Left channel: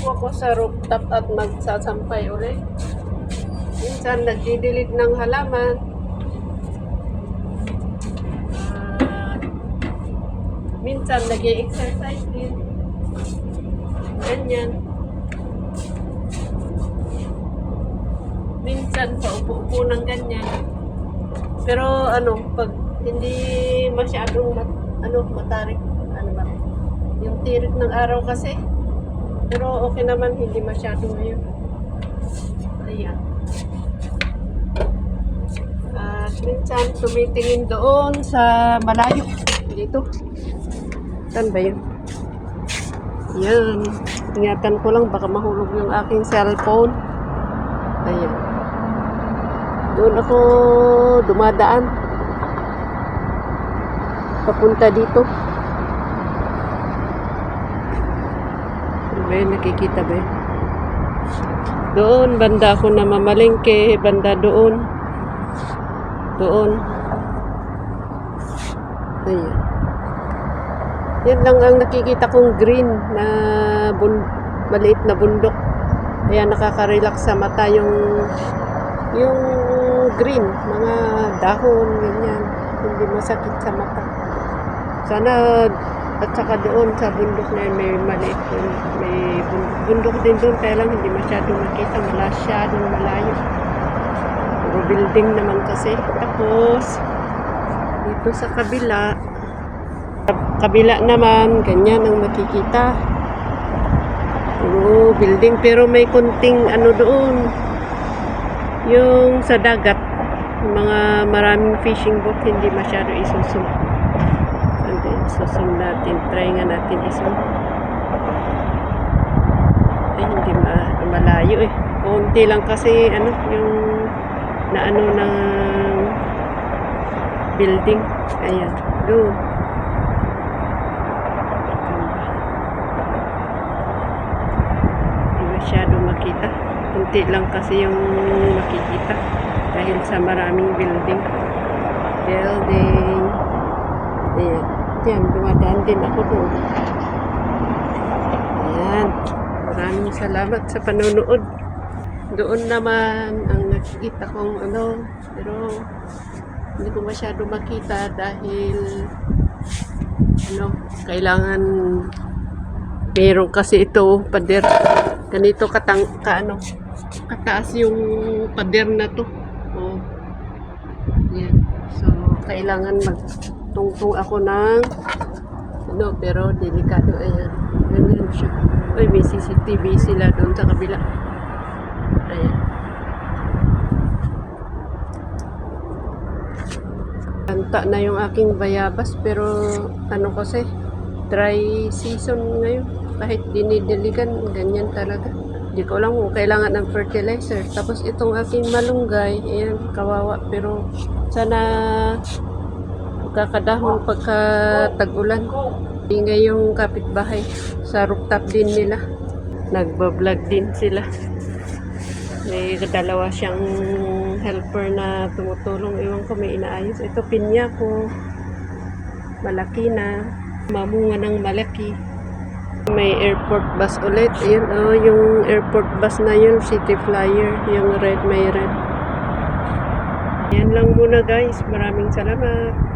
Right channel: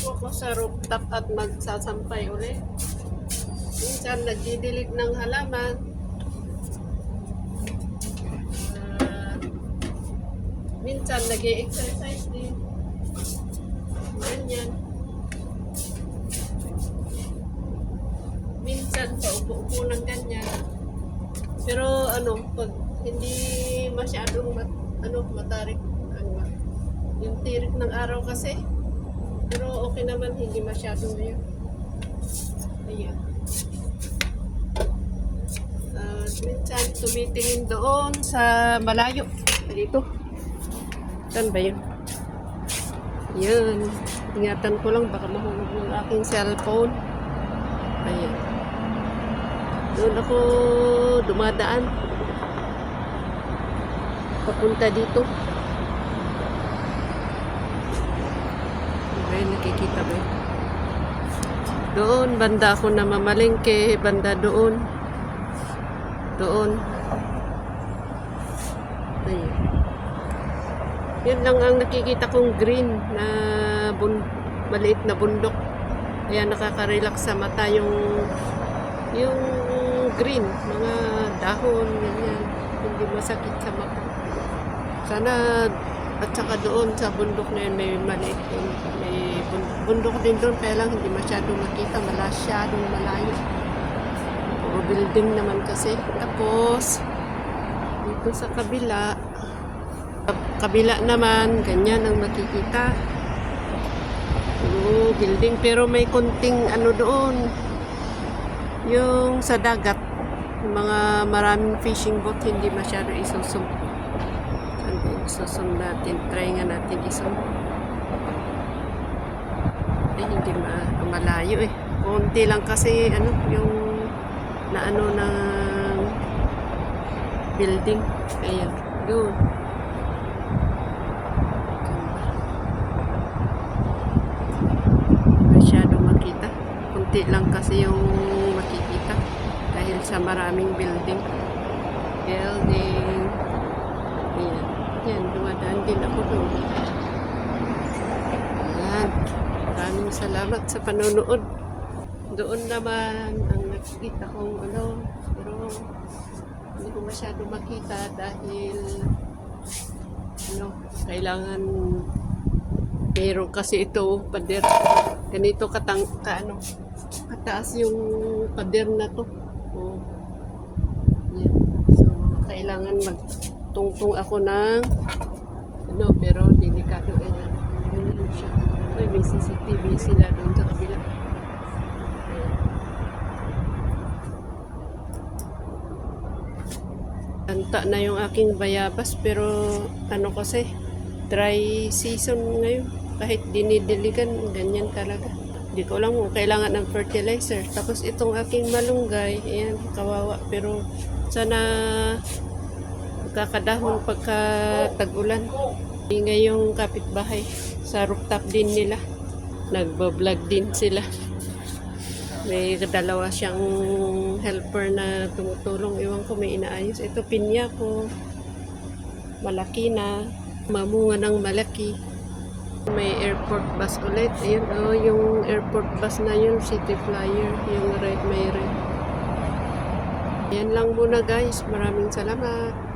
Tumakbo ako sa rooftop at magsasampay ulit. Minsan nagdidilig ng halaman. Minsan nag-i-exercise din. Ganyan. Minsan paupo-upo ng ganyan. Pero pag hindi masyadong matarik, yung tirik ng araw kasi. Pero okay naman, hindi masyado ngayon. Ayan. At minsan tumitingin doon sa malayo. Dito. Saan ba yun? Ayan. Ingatan ko lang, baka mahulog yung aking cellphone. Ayan. Doon ako dumadaan. Papunta dito. May nakikita ba? Doon, banda ako na mamalengke. Banda doon. Doon. Ayan. Yan lang ang nakikita kong green na maliit na bundok. Kaya nakaka-relax sa mata yung green, mga dahon, ganyan. Hindi masakit sa mata. Sana, at saka doon sa bundok na yun, may maliit. May bundok din doon, kaya lang hindi masyadong makita. Masyadong malayo. Puro building naman kasi. Tapos, dito sa kabila naman, ganyan ang makikita. Puro building, pero may konting doon. Yung sa dagat, mga maraming fishing boat, hindi masyado isusum. Isusum natin. Try nga natin isum. Ay, hindi malayo eh. Konti lang kasi, yung ng building. Ayan. Doon. Hindi masyado makita. Konti lang kasi yung makikita. Dahil sa maraming building. Ayan. Yan, dumadaan din ako doon. Ayan. Maraming salamat sa panonood. Doon naman ang nakikita kong pero hindi ko masyado makita dahil kailangan meron kasi ito pader. Ganito kataas yung pader na to. Oh. Yan. So, kailangan magtungtong ako ng pero delikado. Ayan. Ganyan siya. Uy, may CCTV sila doon sa kabila. Ayan. Tanta na yung aking bayabas pero kasi dry season ngayon. Kahit dinidiligan, ganyan talaga. Hindi ko alam kung kailangan ng fertilizer. Tapos itong aking malunggay, ayan, kawawa. Pero sana kakadahon pagka tag-ulan. Ingay yung kapitbahay sa rooftop din nila. Nagbablog din sila. May dalawa siyang helper na tumutulong. Ewan ko, may inaayos. Ito pinya ko. Malaki na. Mamunga ng malaki. May airport bus ulit. Ayan, yung airport bus na yun, City Flyer. Yung red, may red. Ayan lang muna guys. Maraming salamat.